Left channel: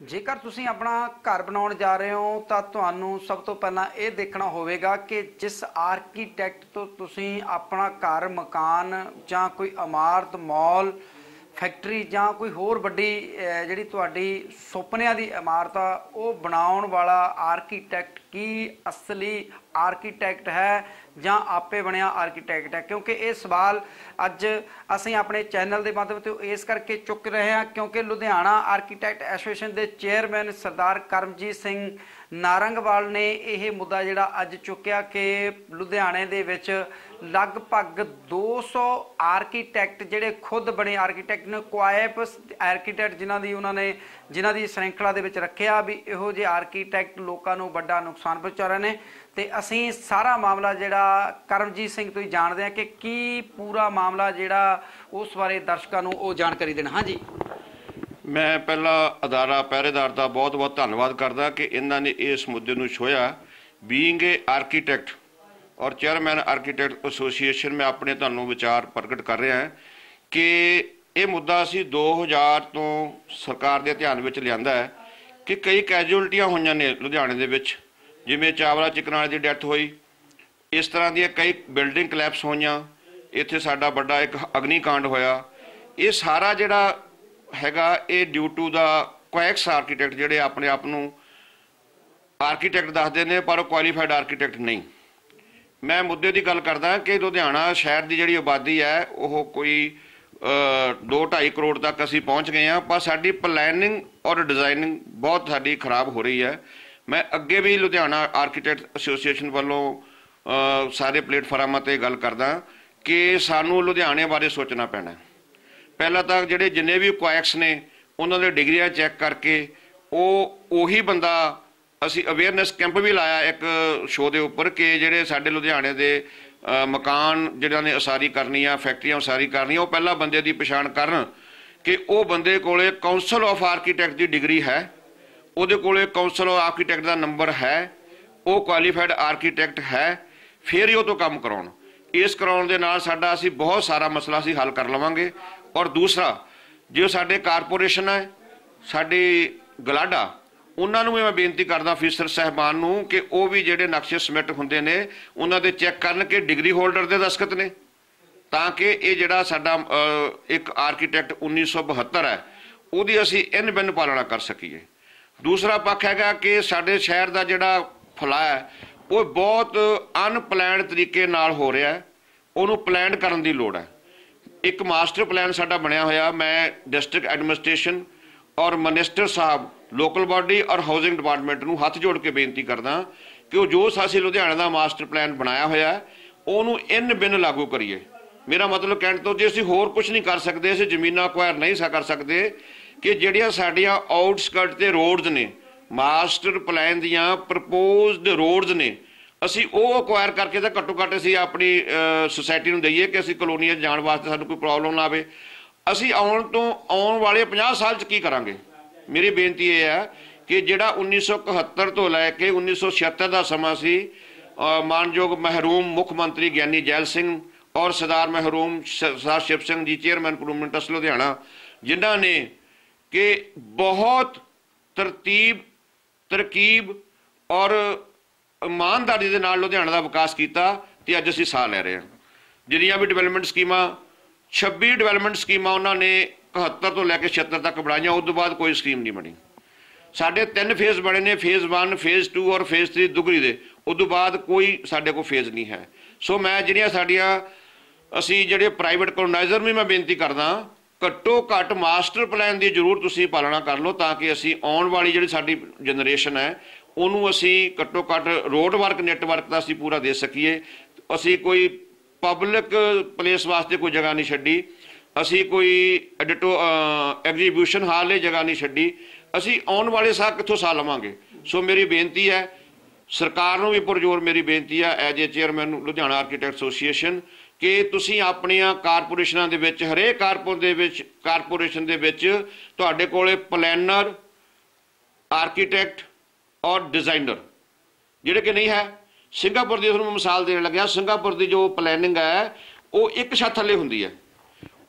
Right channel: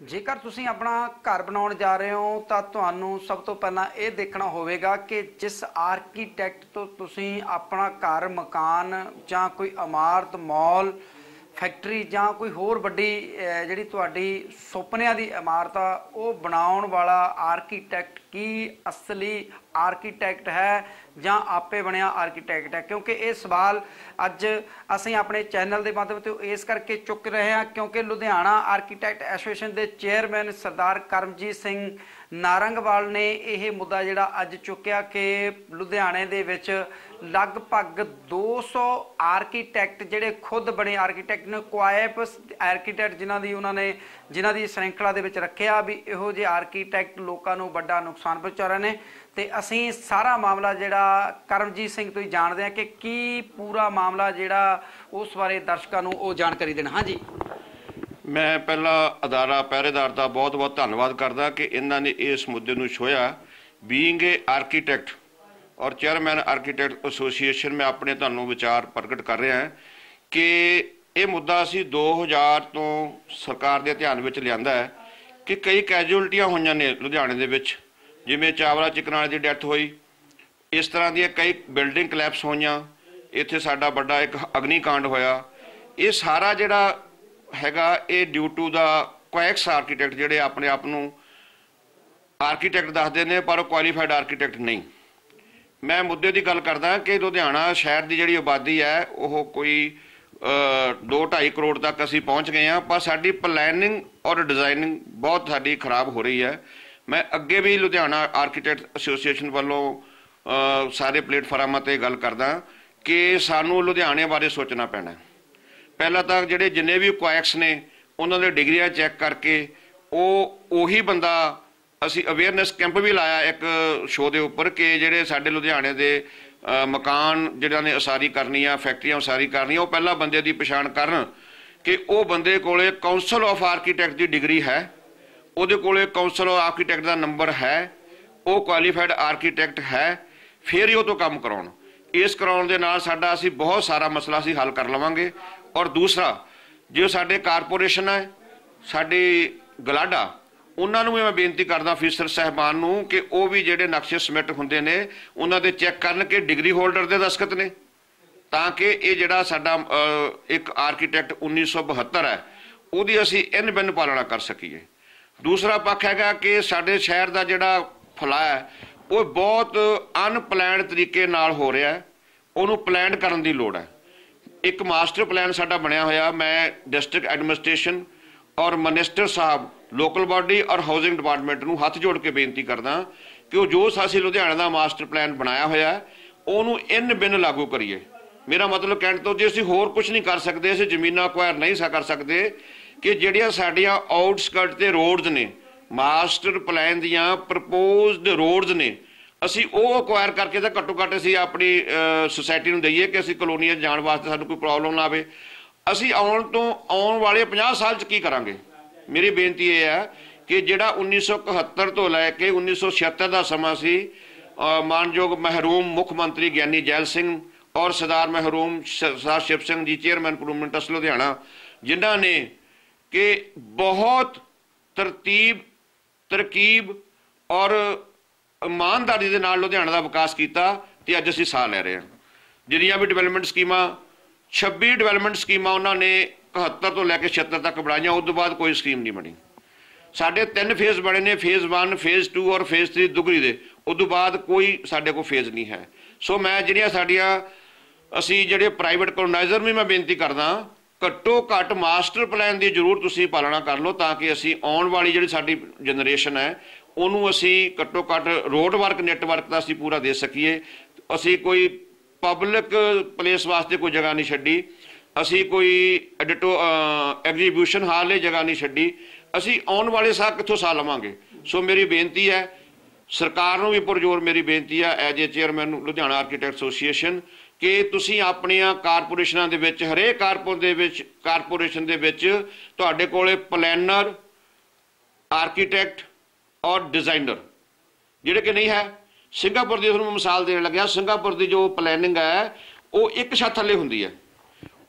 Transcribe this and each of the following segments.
ਜੇਕਰ ਤੁਸੀਂ ਆਪਣਾ ਘਰ ਬਣਾਉਣ ਜਾ ਰਹੇ ਹੋ, ਤਾਂ ਤੁਹਾਨੂੰ ਸਭ ਤੋਂ ਪਹਿਲਾਂ ਇਹ ਦੇਖਣਾ ਹੋਵੇਗਾ ਕਿ ਜਿਸ ਆਰਕੀਟੈਕਟ ਤੋਂ ਤੁਸੀਂ ਆਪਣਾ ਘਰ, ਮਕਾਨ ਜਾਂ ਕੋਈ ਇਮਾਰਤ, ਮਾਲ ਫੈਕਟਰੀ ਜਾਂ ਕੋਈ ਹੋਰ ਵੱਡੀ ਜਿਹੜੀ ਤੁਹਾਡੀ ਸੁਪਨਿਆਂ ਦੀ ਇਮਾਰਤ ਆ, ਉਹ ਬਣਾਉਣ ਵਾਲਾ ਆਰਕੀਟੈਕਟ ਕੀ ਅਸਲੀ ਆਰਕੀਟੈਕਟ ਹੈ ਜਾਂ ਆਪੇ ਬਣਿਆ ਆਰਕੀਟੈਕਟ ਹੈ? ਕਿਉਂਕਿ ਇਹ ਸਵਾਲ ਅੱਜ ਅਸੀਂ ਆਪਣੇ ਚੈਨਲ ਦੇ ਮਾਧਿਅਮ ਤੇ ਇਸ ਕਰਕੇ ਚੁੱਕ ਰਹੇ ਹਾਂ ਕਿਉਂਕਿ ਲੁਧਿਆਣਾ ਆਰਕੀਟੈਕਟ ਐਸੋਸੀਏਸ਼ਨ ਦੇ ਚੇਅਰਮੈਨ ਸਰਦਾਰ ਕਰਮਜੀਤ ਸਿੰਘ ਨਾਰੰਗਵਾਲ ਨੇ ਇਹ ਮੁੱਦਾ ਜਿਹੜਾ ਅੱਜ ਚੁੱਕਿਆ ਕਿ ਲੁਧਿਆਣੇ ਦੇ ਵਿੱਚ ਲਗਭਗ 200 ਆਰਕੀਟੈਕਟ ਜਿਹੜੇ ਖੁਦ ਬਣੇ ਆਰਕੀਟੈਕਟ ਨੇ ਕੁਆਇਪ ਆਰਕੀਟੈਕਟ ਜਿਨ੍ਹਾਂ ਦੀ ਉਹਨਾਂ ਨੇ, ਜਿਨ੍ਹਾਂ ਦੀ ਸ਼੍ਰੰਖਲਾ ਦੇ ਵਿੱਚ ਰੱਖਿਆ ਵੀ ਇਹੋ ਜਿਹੇ ਆਰਕੀਟੈਕਟ ਲੋਕਾਂ ਨੂੰ ਵੱਡਾ ਨੁਕਸਾਨ ਪਹੁੰਚਾ ਰਹੇ ਨੇ। ਤੇ ਅਸੀਂ ਸਾਰਾ ਮਾਮਲਾ ਜਿਹੜਾ ਕਰਮਜੀਤ ਸਿੰਘ ਤੋਂ ਹੀ ਜਾਣਦੇ ਹਾਂ ਕਿ ਕੀ ਪੂਰਾ ਮਾਮਲਾ ਜਿਹੜਾ ਉਸ ਬਾਰੇ ਦਰਸ਼ਕਾਂ ਨੂੰ ਉਹ ਜਾਣਕਾਰੀ ਦੇਣ। ਹਾਂਜੀ। ਮੈਂ ਪਹਿਲਾਂ ਅਦਾਰਾ, ਪਹਿਰੇਦਾਰ ਦਾ ਬਹੁਤ-ਬਹੁਤ ਧੰਨਵਾਦ ਕਰਦਾ ਕਿ ਇਹਨਾਂ ਨੇ ਇਸ ਮੁੱਦੇ ਨੂੰ ਛੋਇਆ ਬੀਇੰਗ ਏ ਆਰਕੀਟੈਕਟ ਔਰ ਚੇਅਰਮੈਨ ਆਰਕੀਟੈਕਟ ਐਸੋਸੀਏਸ਼ਨ ਮੈਂ ਆਪਣੇ ਤੁਹਾਨੂੰ ਵਿਚਾਰ ਪ੍ਰਗਟ ਕਰ ਰਿਹਾ ਹਾਂ ਕਿ ਇਹ ਮੁੱਦਾ ਅਸੀਂ 2000 ਤੋਂ ਸਰਕਾਰ ਦੇ ਧਿਆਨ ਵਿੱਚ ਲਿਆਂਦਾ ਹੈ ਕਿ ਕਈ ਕੈਜੂਅਲਟੀਆਂ ਹੋਈਆਂ ਨੇ ਲੁਧਿਆਣੇ ਦੇ ਵਿੱਚ। ਜਿਵੇਂ ਚਾਵਲਾ ਚਿਕਨਾਲੇ ਦੀ ਡੈਥ ਹੋਈ, ਇਸ ਤਰ੍ਹਾਂ ਦੀਆਂ ਕਈ ਬਿਲਡਿੰਗ ਕਲੈਪਸ ਹੋਈਆਂ, ਇੱਥੇ ਸਾਡਾ ਵੱਡਾ ਇੱਕ ਅਗਨੀਕਾਂਡ ਹੋਇਆ। ਇਹ ਸਾਰਾ ਜਿਹੜਾ ਹੈਗਾ, ਇਹ due to the quacks architect ਜਿਹੜੇ ਆਪਣੇ ਆਪ ਨੂੰ ਆਰਕੀਟੈਕਟ ਦੱਸਦੇ ਨੇ, ਪਰ ਉਹ ਕੁਆਲੀਫਾਈਡ ਆਰਕੀਟੈਕਟ ਨਹੀਂ। ਮੈਂ ਮੁੱਦੇ ਦੀ ਗੱਲ ਕਰਦਾ ਕਿ ਲੁਧਿਆਣਾ ਸ਼ਹਿਰ ਦੀ ਜਿਹੜੀ ਆਬਾਦੀ ਹੈ, ਉਹ ਕੋਈ 2.5 ਕਰੋੜ ਤੱਕ ਅਸੀਂ ਪਹੁੰਚ ਗਏ ਹਾਂ, ਪਰ ਸਾਡੀ ਪਲੈਨਿੰਗ ਔਰ ਡਿਜ਼ਾਈਨਿੰਗ ਬਹੁਤ ਸਾਡੀ ਖਰਾਬ ਹੋ ਰਹੀ ਹੈ। ਮੈਂ ਅੱਗੇ ਵੀ ਲੁਧਿਆਣਾ ਆਰਕੀਟੈਕਟ ਐਸੋਸੀਏਸ਼ਨ ਵੱਲੋਂ ਸਾਰੇ ਪਲੇਟਫਾਰਮਾਂ ਤੇ ਗੱਲ ਕਰਦਾ ਕਿ ਸਾਨੂੰ ਲੁਧਿਆਣੇ ਬਾਰੇ ਸੋਚਣਾ ਪੈਣਾ ਪਹਿਲਾਂ ਤਾਂ ਜਿਹੜੇ ਜਿੰਨੇ ਵੀ ਕੁਆਇਕਸ ਨੇ, ਉਹਨਾਂ ਦੇ ਡਿਗਰੀਆਂ ਚੈੱਕ ਕਰਕੇ ਉਹ ਉਹੀ ਬੰਦਾ ਅਸੀਂ ਅਵੇਅਰਨੈਸ ਕੈਂਪ ਵੀ ਲਾਇਆ ਇੱਕ ਸ਼ੋਅ ਦੇ ਉੱਪਰ ਕਿ ਜਿਹੜੇ ਸਾਡੇ ਲੁਧਿਆਣੇ ਦੇ ਮਕਾਨ ਜਿਹੜਾ ਨੇ ਉਸਾਰੀ ਕਰਨੀ ਆ, ਫੈਕਟਰੀਆਂ ਉਸਾਰੀ ਕਰਨੀਆਂ, ਉਹ ਪਹਿਲਾਂ ਬੰਦੇ ਦੀ ਪਛਾਣ ਕਰਨ ਕਿ ਉਹ ਬੰਦੇ ਕੋਲੇ ਕਾਉਂਸਲ ਆਫ ਆਰਕੀਟੈਕਟ ਦੀ ਡਿਗਰੀ ਹੈ। ਉਹਦੇ ਕੋਲੇ ਕਾਉਂਸਲ ਆਫ ਆਰਕੀਟੈਕਟ ਦਾ ਨੰਬਰ ਹੈ, ਉਹ ਕੁਆਲੀਫਾਈਡ ਆਰਕੀਟੈਕਟ ਹੈ, ਫਿਰ ਹੀ ਉਹ ਤੋਂ ਕੰਮ ਕਰਾਉਣ। ਇਸ ਕਰਾਉਣ ਦੇ ਨਾਲ ਸਾਡਾ ਅਸੀਂ ਬਹੁਤ ਸਾਰਾ ਮਸਲਾ ਅਸੀਂ ਹੱਲ ਕਰ ਲਵਾਂਗੇ। ਔਰ ਦੂਸਰਾ, ਜੇ ਸਾਡੇ ਕਾਰਪੋਰੇਸ਼ਨ ਹੈ, ਸਾਡੀ ਗਲਾਡਾ, ਉਹਨਾਂ ਨੂੰ ਵੀ ਮੈਂ ਬੇਨਤੀ ਕਰਦਾ ਅਫੀਸਰ ਸਹਿਬਾਨ ਨੂੰ ਕਿ ਉਹ ਵੀ ਜਿਹੜੇ ਨਕਸ਼ੇ ਸਬਮਿਟ ਹੁੰਦੇ ਨੇ, ਉਹਨਾਂ ਦੇ ਚੈੱਕ ਕਰਨ ਕਿ ਡਿਗਰੀ ਹੋਲਡਰ ਦੇ ਦਸਖਤ ਨੇ। ਤਾਂ ਕਿ ਇਹ ਜਿਹੜਾ ਸਾਡਾ ਇੱਕ ਆਰਕੀਟੈਕਟ 1972 ਹੈ, ਉਹਦੀ ਅਸੀਂ ਇਨ ਬਿਨ ਪਾਲਣਾ ਕਰ ਸਕੀਏ। ਦੂਸਰਾ ਪੱਖ ਹੈਗਾ ਕਿ ਸਾਡੇ ਸ਼ਹਿਰ ਦਾ ਜਿਹੜਾ ਫਲਾ ਹੈ, ਉਹ ਬਹੁਤ ਅਨਪਲਾਨਡ ਤਰੀਕੇ ਨਾਲ ਹੋ ਰਿਹਾ ਹੈ। ਉਹਨੂੰ ਪਲਾਨ ਕਰਨ ਦੀ ਲੋੜ ਹੈ। ਇੱਕ ਮਾਸਟਰ ਪਲਾਨ ਸਾਡਾ ਬਣਿਆ ਹੋਇਆ, ਮੈਂ ਡਿਸਟ੍ਰਿਕਟ ਐਡਮਿਨਿਸਟ੍ਰੇਸ਼ਨ ਔਰ ਮਿਨਿਸਟਰ ਸਾਹਿਬ, ਲੋਕਲ ਬਾਡੀ ਔਰ ਹਾਊਸਿੰਗ ਡਿਪਾਰਟਮੈਂਟ ਨੂੰ ਹੱਥ ਜੋੜ ਕੇ ਬੇਨਤੀ ਕਰਦਾ ਕਿ ਉਹ ਜੋ ਸਾਸੀ ਲੁਧਿਆਣਾ ਦਾ ਮਾਸਟਰ ਪਲਾਨ ਬਣਾਇਆ ਹੋਇਆ, ਉਹਨੂੰ ਇਨ ਬਿਨ ਲਾਗੂ ਕਰੀਏ। ਮੇਰਾ ਮਤਲਬ ਕਹਿਣ ਤੋਂ ਜੇ ਅਸੀਂ ਹੋਰ ਕੁਝ ਨਹੀਂ ਕਰ ਸਕਦੇ, ਅਸੀਂ ਜ਼ਮੀਨਾਂ ਅਕਵਾਇਰ ਨਹੀਂ ਸਾ ਕਰ ਸਕਦੇ ਕਿ ਜਿਹੜੀਆਂ ਸਾਡੀਆਂ ਆਊਟਸਕਟ ਤੇ ਰੋਡਸ ਨੇ, ਮਾਸਟਰ ਪਲਾਨ ਦੀਆਂ ਪ੍ਰਪੋਜ਼ਡ ਰੋਡਸ ਨੇ, ਅਸੀਂ ਉਹ ਅਕਵਾਇਰ ਕਰਕੇ ਤਾਂ ਘੱਟੋ ਘੱਟ ਅਸੀਂ ਆਪਣੀ ਸੋਸਾਇਟੀ ਨੂੰ ਦਈਏ ਕਿ ਅਸੀਂ ਕਲੋਨੀਆਂ 'ਚ ਜਾਣ ਵਾਸਤੇ ਸਾਨੂੰ ਕੋਈ ਪ੍ਰੋਬਲਮ ਨਾ ਆਵੇ। ਅਸੀਂ ਆਉਣ ਤੋਂ ਆਉਣ ਵਾਲੇ 50 ਸਾਲ 'ਚ ਕੀ ਕਰਾਂਗੇ? ਮੇਰੀ ਬੇਨਤੀ ਇਹ ਹੈ ਕਿ ਜਿਹੜਾ 1971 ਤੋਂ ਲੈ ਕੇ 1976 ਦਾ ਸਮਾਂ ਸੀ ਮਾਨਯੋਗ ਮਹਿਰੂਮ ਮੁੱਖ ਮੰਤਰੀ ਗਿਆਨੀ ਜੈਲ ਸਿੰਘ ਔਰ ਸਰਦਾਰ ਮਹਿਰੂਮ ਸਰਦਾਰ ਸ਼ਿਵ ਸਿੰਘ ਜੀ ਚੇਅਰਮੈਨ ਪ੍ਰੂਮੈਂਟ ਲੁਧਿਆਣਾ, ਜਿਨ੍ਹਾਂ ਨੇ ਕਿ ਬਹੁਤ ਤਰਤੀਬ, ਤਰਕੀਬ ਔਰ ਇਮਾਨਦਾਰੀ ਦੇ ਨਾਲ ਲੁਧਿਆਣਾ ਦਾ ਵਿਕਾਸ ਕੀਤਾ ਤੇ ਅੱਜ ਅਸੀਂ ਸਾਹ ਲੈ ਰਹੇ ਹਾਂ। ਜਿੰਨੀਆਂ ਵੀ ਡਿਵੈਲਪਮੈਂਟ ਸਕੀਮਾਂ 26 ਡਿਵੈਲਪਮੈਂਟ ਸਕੀਮਾਂ ਉਹਨਾਂ ਨੇ 71 ਤੋਂ ਲੈ ਕੇ 76 ਤੱਕ ਬਣਾਈਆਂ, ਉਸ ਤੋਂ ਬਾਅਦ ਕੋਈ ਸਕੀਮ ਨਹੀਂ ਬਣੀ। ਸਾਡੇ ਤਿੰਨ ਫੇਜ਼ ਬਣੇ ਨੇ ਫੇਜ਼ 1 ਫੇਜ਼ 2 ਔਰ ਫੇਜ਼ 3 ਦੁਗਰੀ ਦੇ। ਉਸ ਤੋਂ ਬਾਅਦ ਕੋਈ ਸਾਡੇ ਕੋਲ ਫੇਜ਼ ਨਹੀਂ ਹੈ। ਸੋ ਮੈਂ ਜਿਹੜੀਆਂ ਸਾਡੀਆਂ, ਅਸੀਂ ਜਿਹੜੇ ਪ੍ਰਾਈਵੇਟ ਕਲੋਨਾਈਜ਼ਰ ਵੀ ਮੈਂ ਬੇਨਤੀ ਕਰਦਾ ਘੱਟੋ ਘੱਟ ਮਾਸਟਰ ਪਲਾਨ ਦੀ ਜ਼ਰੂਰ ਤੁਸੀਂ ਪਾਲਣਾ ਕਰ ਲਓ ਤਾਂ ਕਿ ਅਸੀਂ ਆਉਣ ਵਾਲੀ ਜਿਹੜੀ ਸਾਡੀ ਜਨਰੇਸ਼ਨ ਹੈ, ਉਹਨੂੰ ਅਸੀਂ ਘੱਟੋ ਘੱਟ ਰੋਡ ਵਰਕ ਨੈਟਵਰਕ ਦਾ ਅਸੀਂ ਪੂਰਾ ਦੇ ਸਕੀਏ। ਅਸੀਂ ਕੋਈ ਪਬਲਿਕ ਪਲੇਸ ਵਾਸਤੇ ਕੋਈ ਜਗ੍ਹਾ ਨਹੀਂ ਛੱਡੀ। ਅਸੀਂ ਕੋਈ ਐਡਿਟੋ ਐਗਜ਼ੀਬਿਊਸ਼ਨ ਹਾਲ ਲਈ ਜਗ੍ਹਾ ਨਹੀਂ ਛੱਡੀ। ਅਸੀਂ ਆਉਣ ਵਾਲੇ ਸਾਲ ਕਿੱਥੋਂ ਸਾਲ ਲਵਾਂਗੇ? ਸੋ ਮੇਰੀ ਬੇਨਤੀ ਹੈ, ਸਰਕਾਰ ਨੂੰ ਵੀ ਪੁਰਜੋਰ ਮੇਰੀ ਬੇਨਤੀ ਹੈ as a chairman Ludhiana architect association ਕਿ ਤੁਸੀਂ ਆਪਣੀਆਂ ਕਾਰਪੋਰੇਸ਼ਨਾਂ ਦੇ ਵਿੱਚ, ਹਰੇਕ ਕਾਰਪੋਰ ਦੇ ਵਿੱਚ, ਕਾਰਪੋਰੇਸ਼ਨ ਦੇ ਵਿੱਚ ਤੁਹਾਡੇ ਕੋਲੇ ਪਲੈਨਰ, ਆਰਕੀਟੈਕਟ ਔਰ ਡਿਜ਼ਾਈਨਰ। ਜਿਹੜੇ ਕਿ ਨਹੀਂ ਹੈ, ਸਿੰਗਾਪੁਰ ਦੀ ਤੁਹਾਨੂੰ ਮਿਸਾਲ ਦੇਣ ਲੱਗਿਆ, ਸਿੰਗਾਪੁਰ ਦੀ ਜੋ ਪਲੈਨਿੰਗ ਹੈ, ਉਹ ਇੱਕ ਛੱਤ ਥੱਲੇ ਹੁੰਦੀ ਹੈ।